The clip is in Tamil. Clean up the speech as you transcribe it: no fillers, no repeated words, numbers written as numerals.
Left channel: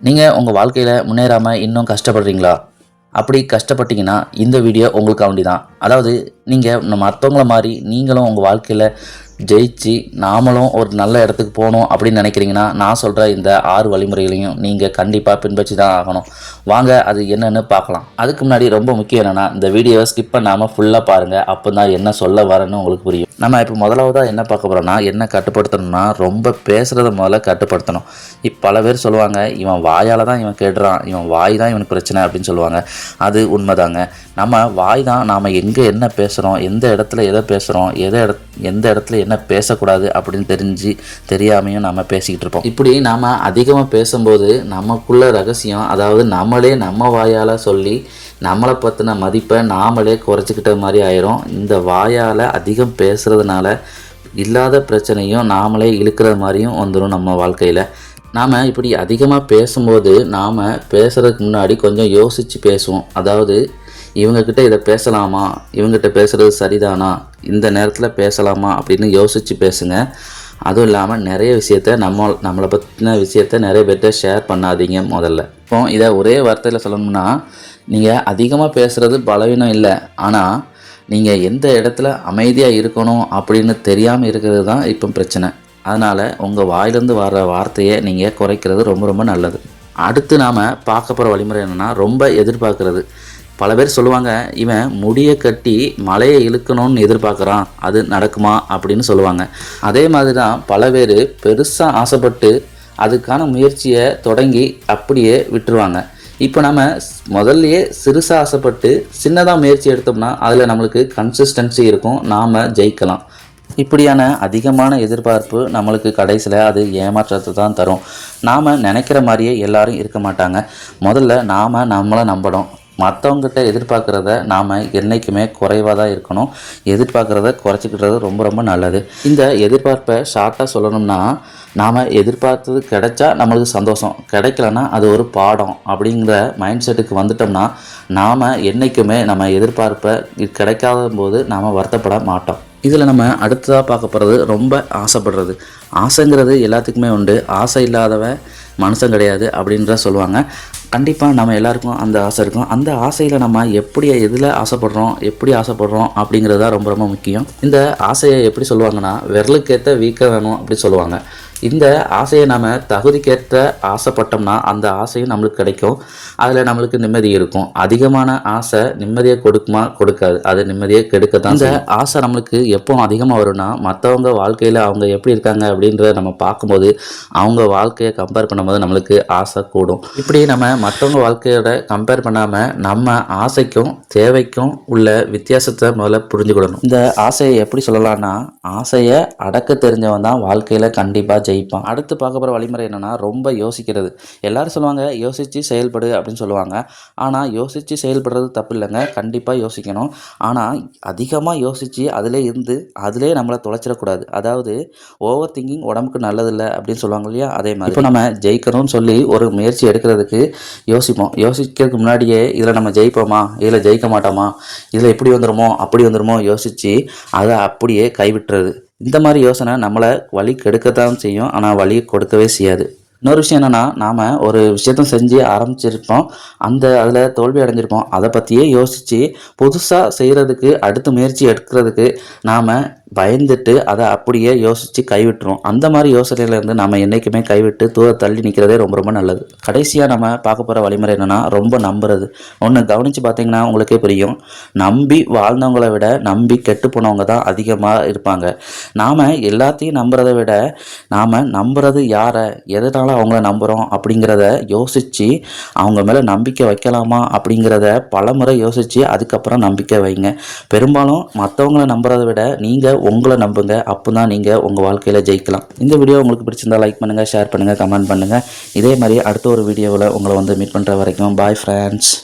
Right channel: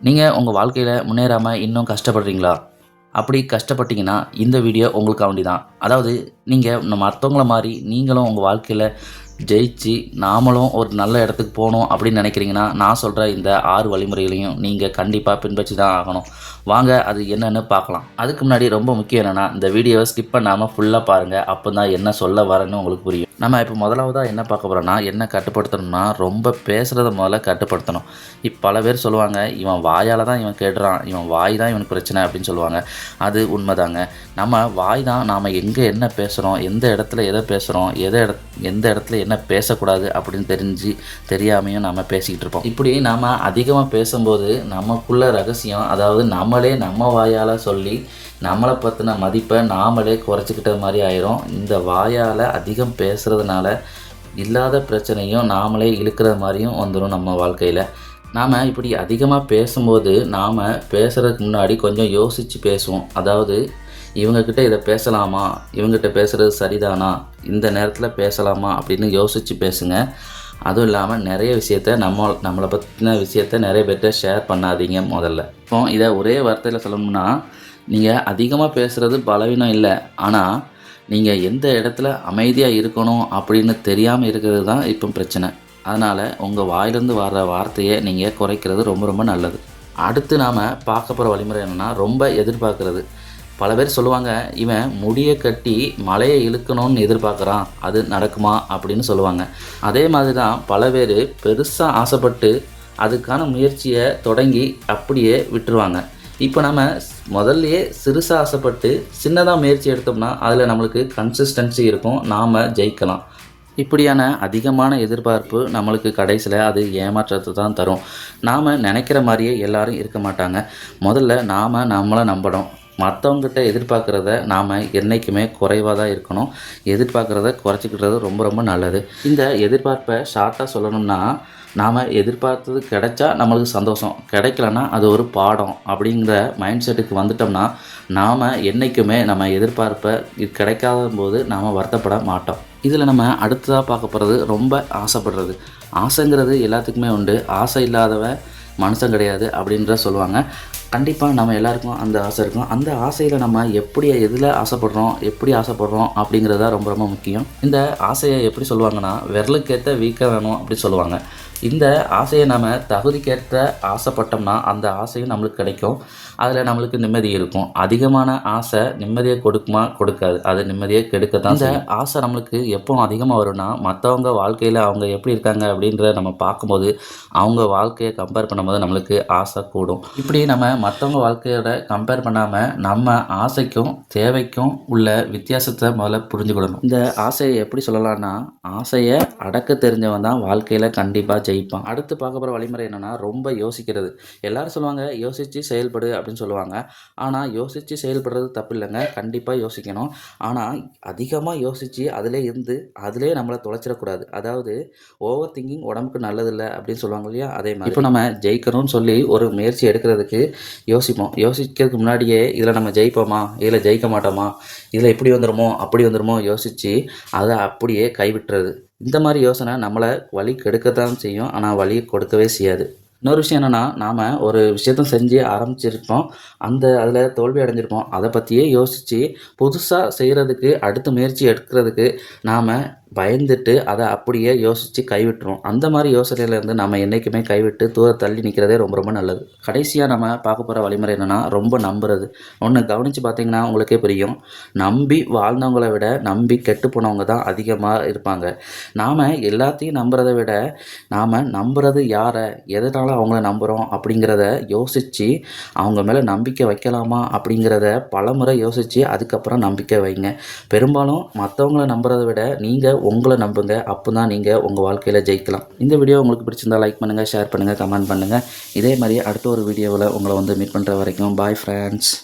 நீங்கள் உங்கள் வாழ்க்கையில் முன்னேறாமல் இன்னும் கஷ்டப்படுறீங்களா? அப்படி கஷ்டப்பட்டீங்கன்னா இந்த வீடியோ உங்களுக்காண்டி தான். அதாவது நீங்கள் மற்றவங்கள மாதிரி நீங்களும் உங்கள் வாழ்க்கையில் ஜெயிச்சு நாமளும் ஒரு நல்ல இடத்துக்கு போகணும் அப்படின்னு நினைக்கிறீங்கன்னா, நான் சொல்கிற இந்த 6 வழிமுறைகளையும் நீங்கள் கண்டிப்பாக பின்பற்றி தான் ஆகணும். வாங்க அது என்னென்னு பார்க்கலாம். அதுக்கு முன்னாடி ரொம்ப முக்கியம் என்னென்னா, இந்த வீடியோவை ஸ்கிப் பண்ணாமல் ஃபுல்லாக பாருங்கள். அப்போ தான் என்ன சொல்ல வரேன்னு உங்களுக்கு புரியும். நம்ம இப்போ முதலாவதாக என்ன பார்க்க போகிறோன்னா, என்ன கட்டுப்படுத்தணும்னா, ரொம்ப பேசுகிறத முதல்ல கட்டுப்படுத்தணும். பல பேர் சொல்லுவாங்க, இவன் வாயால் தான் இவன் கேடுறான், இவன் வாய் தான் இவனுக்கு பிரச்சனை அப்படின்னு சொல்லுவாங்க. அது உண்மைதாங்க. நம்ம வாய் தான் நாம் எங்கே என்ன பேசுகிறோம், எந்த இடத்துல எதை பேசுகிறோம், எந்த இடத்துல என்ன பேசக்கூடாது அப்படின்னு தெரியாமையும் நம்ம பேசிக்கிட்டு இருப்போம். இப்படி நாம் அதிகமாக பேசும்போது நமக்குள்ள ரகசியம், அதாவது நம்மளே நம்ம வாயால் சொல்லி நம்மளை பற்றின மதிப்பை நாமளே குறைச்சிக்கிட்ட மாதிரி ஆயிரும். இந்த வாயால் அதிகம் பேசுகிறதுனால இல்லாத பிரச்சனையும் நாமளே இழுக்கிற மாதிரியும் வந்துடும் நம்ம வாழ்க்கையில். நாம் இப்படி அதிகமாக பேசும்போது நாம் பேசுகிறதுக்கு முன்னாடி கொஞ்சம் யோசித்து பேசுவோம். அதாவது இவங்கக்கிட்ட இதை பேசலாமா, இவங்ககிட்ட பேசுகிறது சரிதானா, இந்த நேரத்தில் பேசலாமா அப்படின்னு யோசித்து பேசுங்க. அதுவும் இல்லாமல் நிறைய விஷயத்த நம்மளை பற்றின விஷயத்த நிறைய பேர்கிட்ட ஷேர் பண்ணாதீங்க முதல்ல. இப்போ இதை ஒரே வார்த்தையில் சொல்லணும்னா, நீங்கள் அதிகமாக பேசுகிறது பலவீனம் இல்லை, ஆனால் நீங்கள் எந்த இடத்துல அமைதியாக இருக்கணும் அப்படின்னு தெரியாமல் இருக்கிறது தான் இப்போ பிரச்சனை. அதனால் உங்கள் வாயிலேருந்து வர வார்த்தையை நீங்கள் குறைக்கிறது ரொம்ப ரொம்ப நல்லது. அடுத்து நாம் பார்க்க போகிற வழிமுறை என்னென்னா, ரொம்ப எதிர்பார்க்குறது. பல பேர் சொல்லுவாங்க, இவன் முடியை கட்டி மலையை இழுக்கணும்னு எதிர்பார்க்குறான், அது நடக்குமா அப்படின்னு சொல்லுவாங்க. அதே மாதிரி தான் பல பேர் பெருசாக ஆசைப்பட்டு அதுக்கான முயற்சியை தொடங்கி அப்படியே விட்டுருவாங்க. இப்போ நம்ம முதல்லையே சிறுசாக ஆசைப்பட்டு சின்னதாக முயற்சி எடுத்தோம்னா அதில் நம்மளுக்கு கன்சிஸ்டன்சி இருக்கும், நாம் ஜெயிக்கலாம். இப்படியான அதிகமான எதிர்பார்ப்பு நம்மளுக்கு கடைசியில் அது ஏமாற்றத்தை தான் தரும். நாம் நினைக்கிற மாதிரியே எல்லாரும் இருக்க மாட்டாங்க. முதல்ல நாம் நம்மளை நம்பணும். மற்றவங்ககிட்ட எதிர்பார்க்குறத நாம் என்றைக்குமே குறைவாக தான் இருக்கணும். எதிர்பார்க்குறத குறைச்சிக்கிட்டது ரொம்ப ரொம்ப நல்லது. இந்த எதிர்பார்ப்பை ஷார்ட்டாக சொல்லணும்னா, நாம் எதிர்பார்த்தது கிடைச்சா நம்மளுக்கு சந்தோஷம், கிடைக்கலன்னா அது ஒரு பாடம் அப்படிங்கிற மைண்ட் செட்டுக்கு வந்துட்டோம்னா நாம் என்றைக்குமே நம்ம எதிர்பார்ப்பை கிடைக்காத போது நாம் வருத்தப்பட மாட்டோம். இதில் நம்ம அடுத்ததாக பார்க்க போகிறது ரொம்ப ஆசைப்படுறது. ஆசைங்கிறது எல்லாத்துக்குமே உண்டு. ஆசை இல்லாதவன் மனுஷன் கிடையாது அப்படின்ற சொல்லுவாங்க. கண்டிப்பாக நம்ம எல்லாருக்கும் அந்த ஆசை இருக்கும். அந்த ஆசையில் நம்ம எதில் ஆசைப்படுறோம் அப்படிங்கிறது தான் ரொம்ப ரொம்ப முக்கியம். இந்த ஆசையை எப்படி சொல்லுவாங்கன்னா, விரலுக்கேற்ற வீக்கம் வேணும் அப்படி சொல்லுவாங்க. இந்த ஆசையை நம்ம தகுதிக்கேற்ற ஆசைப்பட்டோம்னா அந்த ஆசையும் நம்மளுக்கு கிடைக்கும். அதில் நம்மளுக்கு நிம்மதி இருக்கும். அதிகமான ஆசை நிம்மதியை கொடுக்குமா? கொடுக்காது. அது நிம்மதியை கெடுக்கத்தான். இந்த ஆசை நம்மளுக்கு எப்போ அதிகமாக வரும்னா, மற்றவங்க வாழ்க்கையில் அவங்க எப்படி இருக்காங்க அப்படின்றத நம்ம பார்க்கும்போது அவங்க வாழ்க்கையை கம்பேர் பண்ணும்போது நம்மளுக்கு ஆசை கூடும். இப்படி நம்ம மற்றவங்க வாழ்க்கையோட கம்பேர் பண்ணாமல் நம்ம ஆசைக்கும் தேவைக்கும் உள்ள வித்தியாசத்தை முதல்ல புரிஞ்சுக்கிடணும். இந்த ஆசையை எப்படி சொல்லலாம்னா, ஆசையை அடக்க தெரிஞ்சவன் தான் வாழ்க்கையில் கண்டிப்பாக ஜெயிப்பான். அடுத்து பார்க்க போகிற வழிமுறை என்னென்னா, ரொம்ப யோசிக்கிறது. எல்லாரும் சொல்லுவாங்க யோசித்து செயல்படு அப்படின்னு சொல்லுவாங்க. ஆனால் யோசித்து செயல்படுறது தப்பு இல்லைங்க, கண்டிப்பாக யோசிக்கணும். ஆனால் அதிகமாக யோசித்து அதிலே நம்மளை தொலைச்சிடக்கூடாது. அதாவது ஓவர் திங்கிங் உடம்புக்கு நல்லதில்லை அப்படின்னு சொல்லுவாங்க இல்லையா, அதே மாதிரி இப்போ நம்ம ஜெயிக்கணும்னு சொல்லி ஒரு முயற்சி எடுக்கிறதுக்கு யோசிப்போம். யோசிக்கிறதுக்கு முன்னாடியே இதில் நம்ம ஜெயிப்போமா, இதில் ஜெயிக்க மாட்டோமா, இதில் இப்படி வந்துடுமோ அப்படி வந்துடுமோ யோசித்து அதை அப்படியே கைவிட்டுறது. இந்த மாதிரி யோசனை நம்மளை வழி கெடுக்கத்தான் செய்யும், ஆனால் வழி கொடுக்கவே செய்யாது. இன்னொரு விஷயம் என்னென்னா, நாம் ஒரு விஷயத்த செஞ்சு ஆரம்பிச்சிருப்போம், அதில் தோல்வி அடைஞ்சிருப்போம். அதை பற்றியே யோசித்து புதுசாக செய்கிறதுக்கு அடுத்த முயற்சி எடுக்கிறதுக்கு நாம் பயந்துட்டு அதை அப்படியே யோசித்து கைவிட்டுரும். அந்த மாதிரி யோசனையிலேருந்து நம்ம என்றைக்குமே கைவிட்டு தள்ளி நிற்கிறதே ரொம்ப ரொம்ப நல்லது. கடைசியாக நம்ம பார்க்க போகிற வழிமுறை என்னென்னா, ரொம்ப நம்புறது. ஒன்று கவனித்து பார்த்தீங்கன்னா உங்களுக்கே புரியும், நம்பி வாழ்ந்தவங்களை விட நம்பி கெட்டு போனவங்க தான் அதிகமாக இருப்பாங்க. நாம் எல்லாத்தையும் நம்புறதை விட நாம் நம்புறது யாரை, எதனால் அவங்கள நம்புகிறோம் அப்படிங்கிறத யோசித்து அவங்க மேலே நம்பிக்கை வைக்கலாமா அப்படிங்கிறத பலமுறை யோசித்து அதுக்கப்புறம் நம்பிக்கை வைங்க. பெரும்பாலும் மற்றவங்கள நம்புறதை விட நீங்கள் உங்களை நம்புங்க, அப்போ தான் நீங்கள் உங்கள் வாழ்க்கையில் ஜெயிக்கலாம். இந்த வீடியோ உங்களுக்கு பிடிச்சிருந்தால் லைக் பண்ணுங்கள், ஷேர் பண்ணுங்கள், கமெண்ட் பண்ணுங்கள். இதே மாதிரி அடுத்த ஒரு வீடியோவில் உங்களை மீட் பண்ணுற வரைக்கும் பாய் ஃப்ரெண்ட்ஸ்.